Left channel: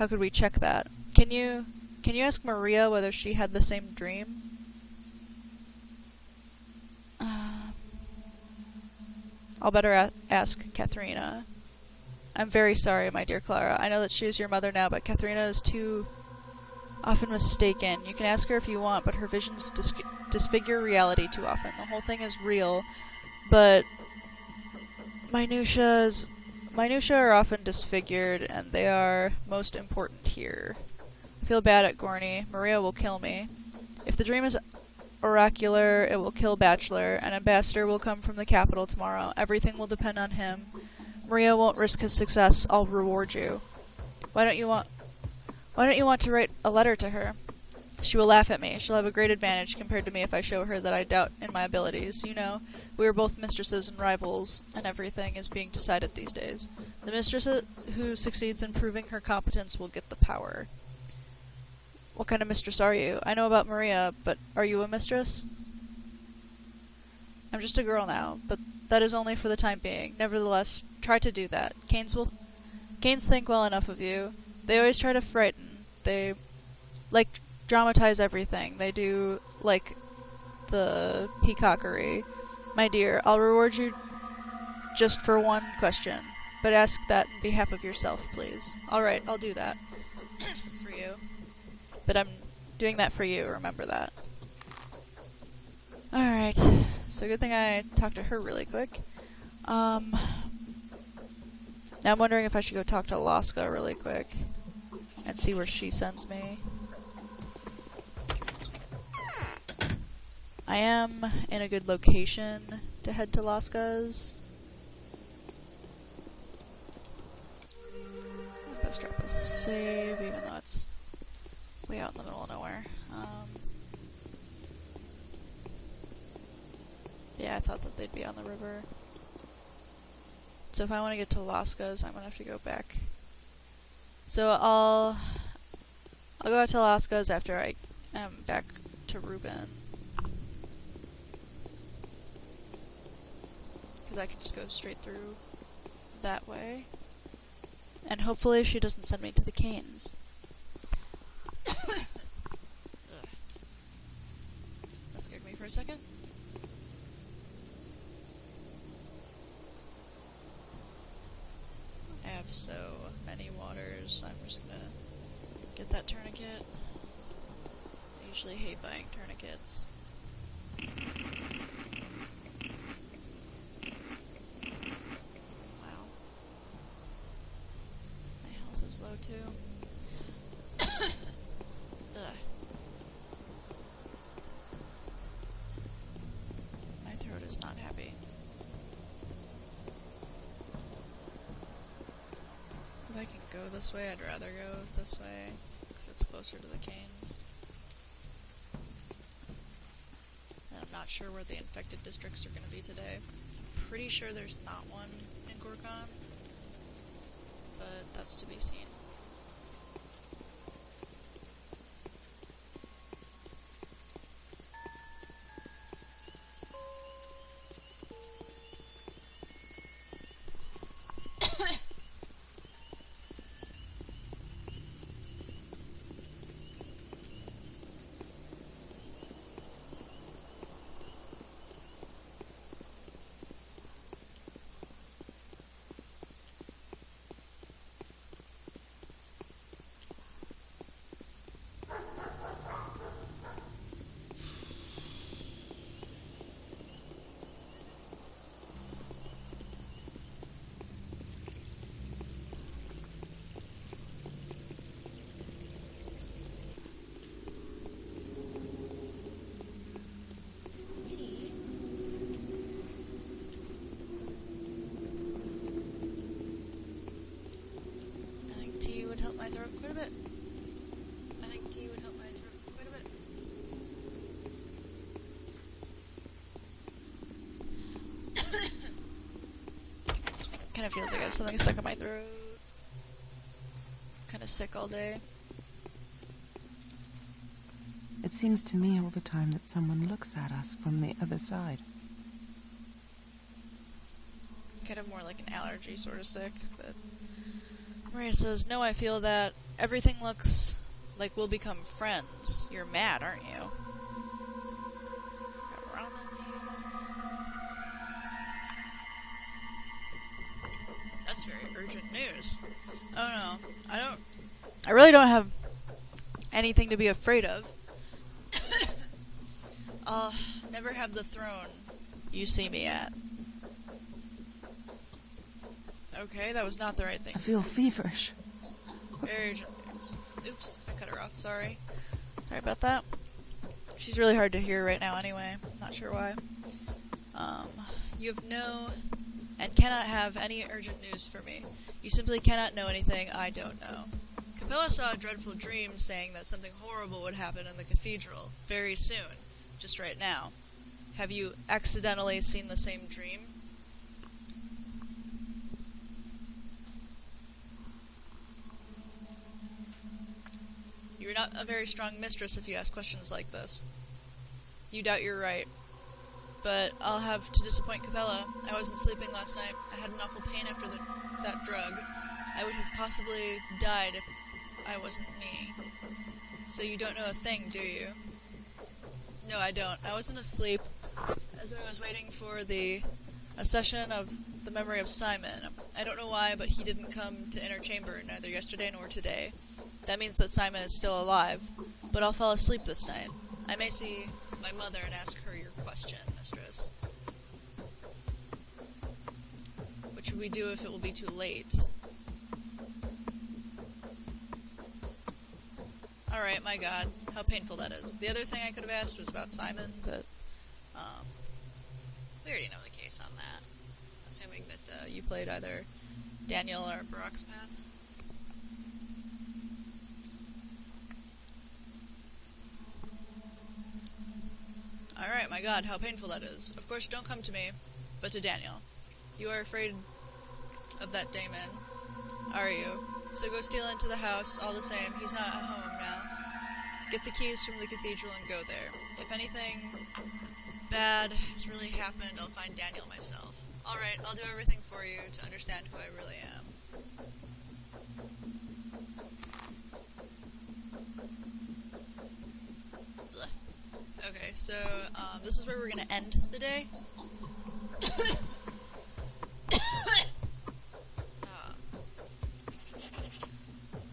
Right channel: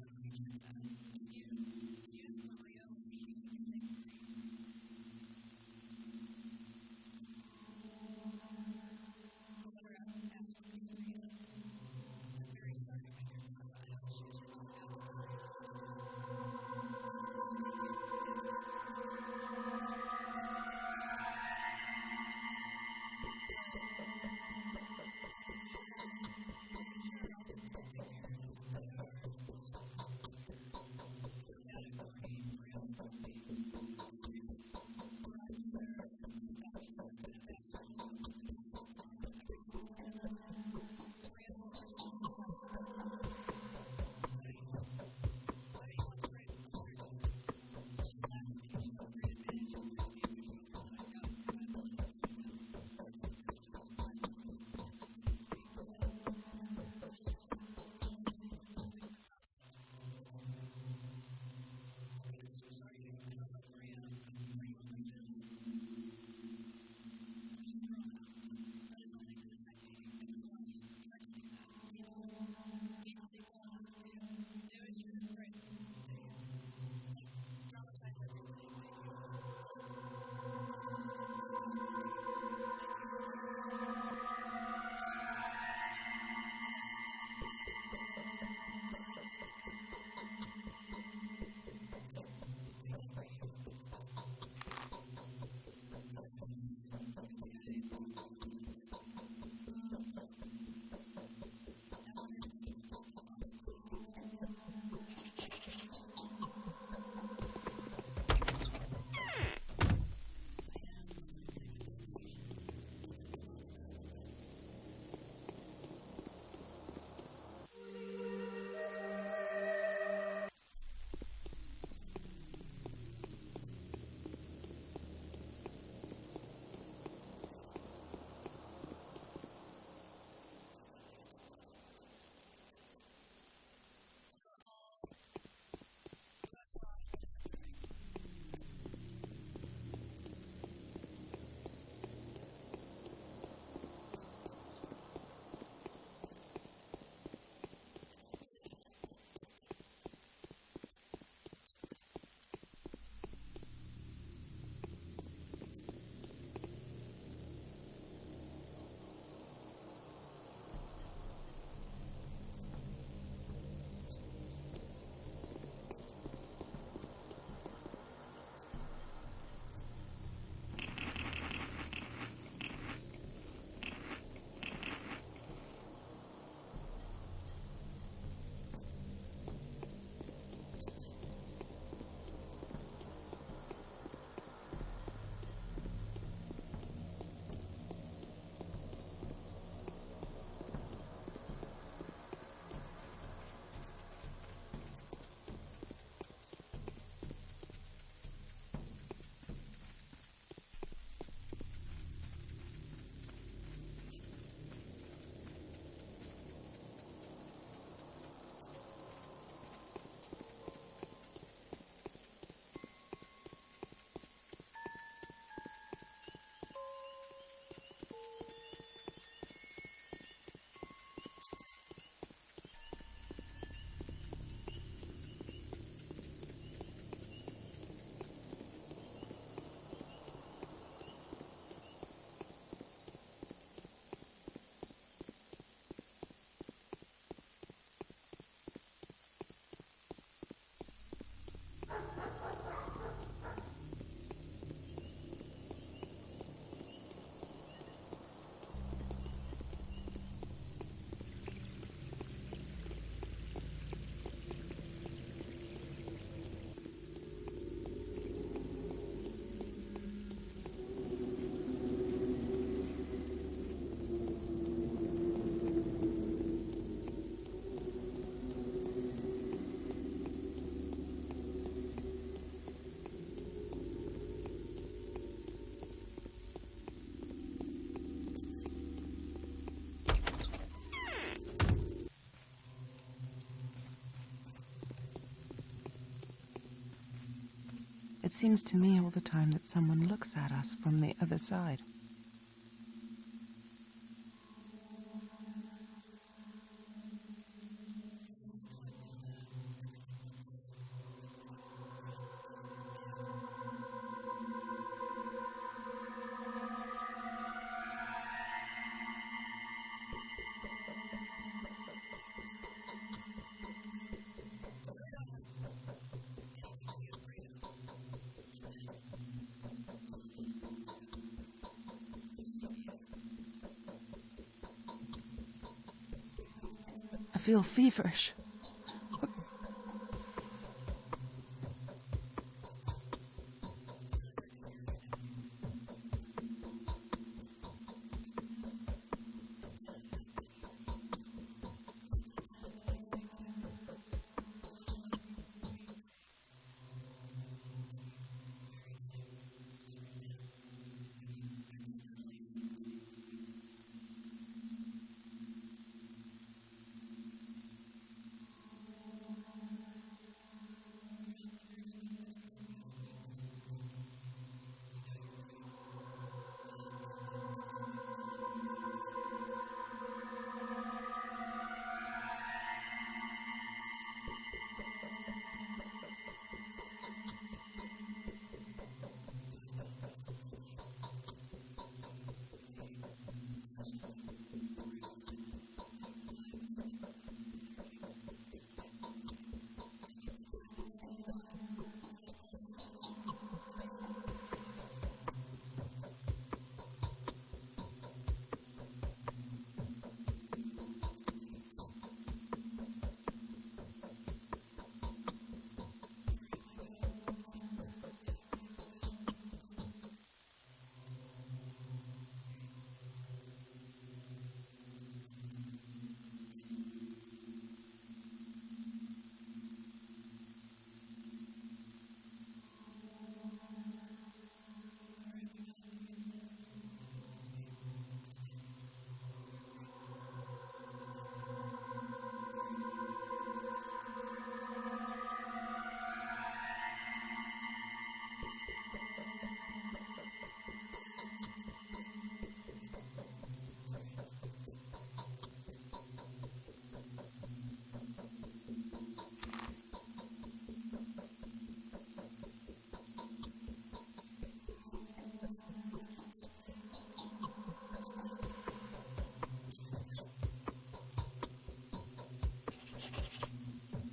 How could we check that? Can you ask Maria whether she had the same dream? I'll better ask Katharina. I'm very sorry, my dear Clara. I know that she is your mother now, but Katharina is too often mistaken. You can ask her if you want, but her visions disfigure reality too often. The whole thing is real, but minutiae are often disfigured, and they are most important here. I feel bad at Gorny. Maria will kill me. If the dream is oracular, it will kill Bachelor. An ambassador will come from the capital tomorrow. Everything will depend on him. Maria won't risk his success. I'll reward you. Why don't you want to write a letter to her? She will laugh at me. She'll have a great advantage compared to me if I show her that I doubt in my abilities. You know, we are both mistresses and rivals, and everything is being decided these days. The mistress who succeeds in proving her competence will get the power. What kind of mistress are you? I know about Maria, but are you a mistress? I'm just a girl now, but that is only for the time being. Nevertheless, try to do that. Canes think well enough of you. They always try to frighten. They dramatize everything. They do the peacockery. My dear, I'll reward you just for one question, but ask that in behalf of yourself, please. Alright, I'll do that. For you. But I'm doing that for you, remember that. Alright, so good thing I talked to her really quick. Now I'm wondering if I should go talk to Alaska really quick and see where she sends me. I am in a good location to head to Alaska's. Best drop a save, even though it's way out in the middle of nowhere. Yeah, I thought that they'd be on the river. So if I want to get to Alaska's, I'm gonna have to go back. So I'll go out to Alaska's after I am back to Reuben. Because I can just go straight through that way. And hopefully she doesn't send me to the Canes. That scared me for a second. I have so many waters, I'm just gonna get that tourniquet. I usually hate buying tourniquets. Wow. My health is low too. Ugh. My throat is not happy. If I can go this way, I'd rather go this way, because it's closer to the Canes. And I'm not sure where the infected districts are going to be today. Pretty sure there's not one in Gorgon, but that's to be seen. Kind of feels like I have something stuck in my throat. Kind of sick all day. It seems to me all the time that someone looks at us from the other side. Kind of more like an allergy sort of sick, but Maria says, no, I feel that Everything looks like we'll become friends. You're mad, aren't you? That's very urgent news. Oh no, I really don't have anything to be afraid of. I'll never have the throne you see me at. Okay, that was not the right thing. I feel feverish. Very urgent news. Oops, I cut her off, sorry. Sorry about that. She's really hard to hear right now anyway. Not sure why. You have no and cannot have any urgent news for me. You simply cannot know anything I don't know. Capella saw a dreadful dream saying that something horrible would happen in the cathedral very soon, just right now. Have you accidentally seen the same dream? You're not a very strong mistress if you ask questions like this. You doubt you're right. But I'll have to disappoint Capella. I wasn't sleeping last night. I had an awful pain after that drug. I would have possibly died if I wasn't me. So you don't know a thing, do you? No, I don't. I wasn't asleep as I was waiting for a session of the memory of Simon. I don't know why, but he didn't come to Inner Chamber neither yesterday nor today. That means that Simon is still alive. But I'll fall asleep this night. I may see my mother and ask her your question, mistress. What should we do if it will be too late? Alright, my god, how painful that is. The other thing I could have asked was about Simon, but we already know the case on that. Assuming that you played either Daniel or Barak's path. Alright, my god, how painful that is. Of course, don't come to me, but to Daniel. You are afraid of that daemon, are you? So go steal into the house, all the same. He's not at home now. Get the keys from the cathedral and go there. If anything bad has really happened, I'll find Daniel myself. Alright, I'll do everything for you to understand who I really am. Okay, so, this is where we're gonna end the day.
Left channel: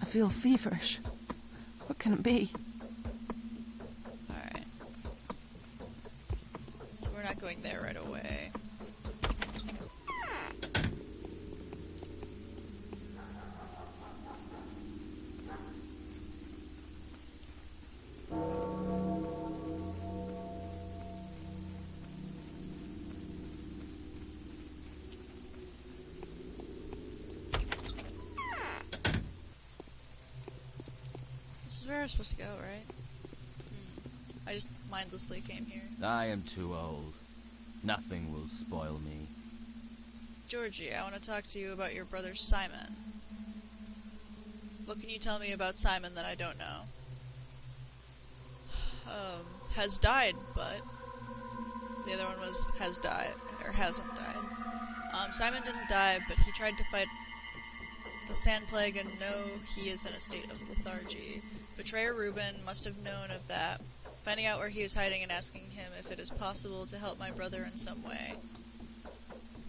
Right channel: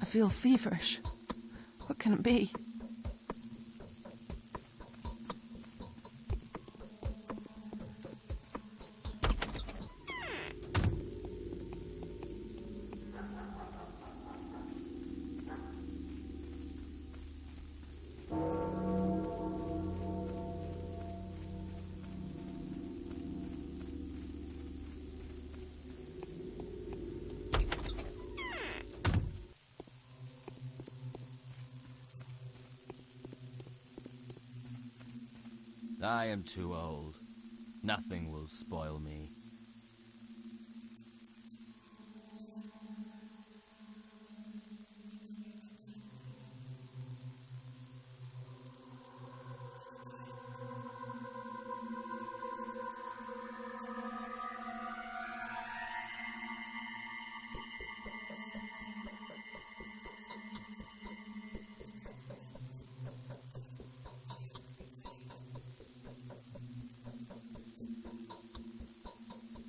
I feel feverish. What can it be? Alright. So we're not going there right away. This is where we're supposed to go, right? I just mindlessly came here. I am too old. Nothing will spoil me. Georgie, I want to talk to you about your brother Simon. What can you tell me about Simon that I don't know? Has died, but the other one was has died, or hasn't died. Simon didn't die, but he tried to fight the Sand Plague and know he is in a state of lethargy. Betrayer Reuben must have known of that, finding out where he is hiding and asking him if it is possible to help my brother in some way.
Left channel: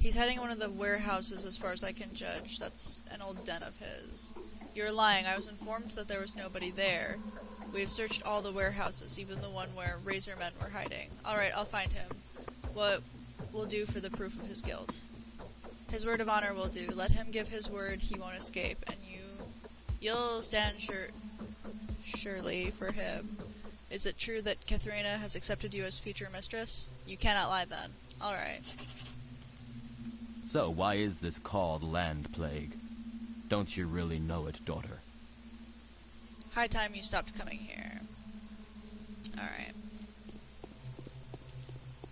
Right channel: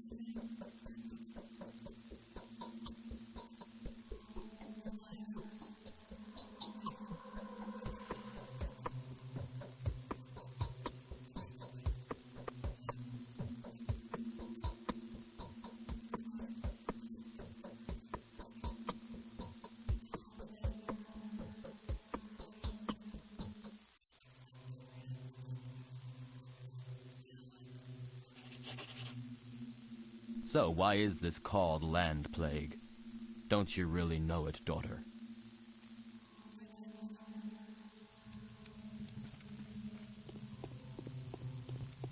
He's hiding in one of the warehouses as far as I can judge. That's an old den of his. You're lying. I was informed that there was nobody there. We have searched all the warehouses, even the one where Razor Men were hiding. Alright, I'll find him. What will do for the proof of his guilt? His word of honor will do. Let him give his word he won't escape, and you'll stand surely for him. Is it true that Katharina has accepted you as future mistress? You cannot lie then. Alright. So, why is this called Land Plague? Don't you really know it, daughter? High time you stopped coming here. Alright.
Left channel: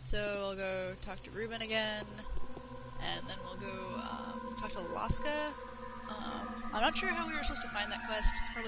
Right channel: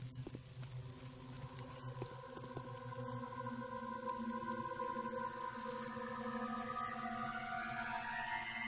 So, we'll go talk to Reuben again, and then we'll go talk to Laska. I'm not sure how we were supposed to find that quest. It's probably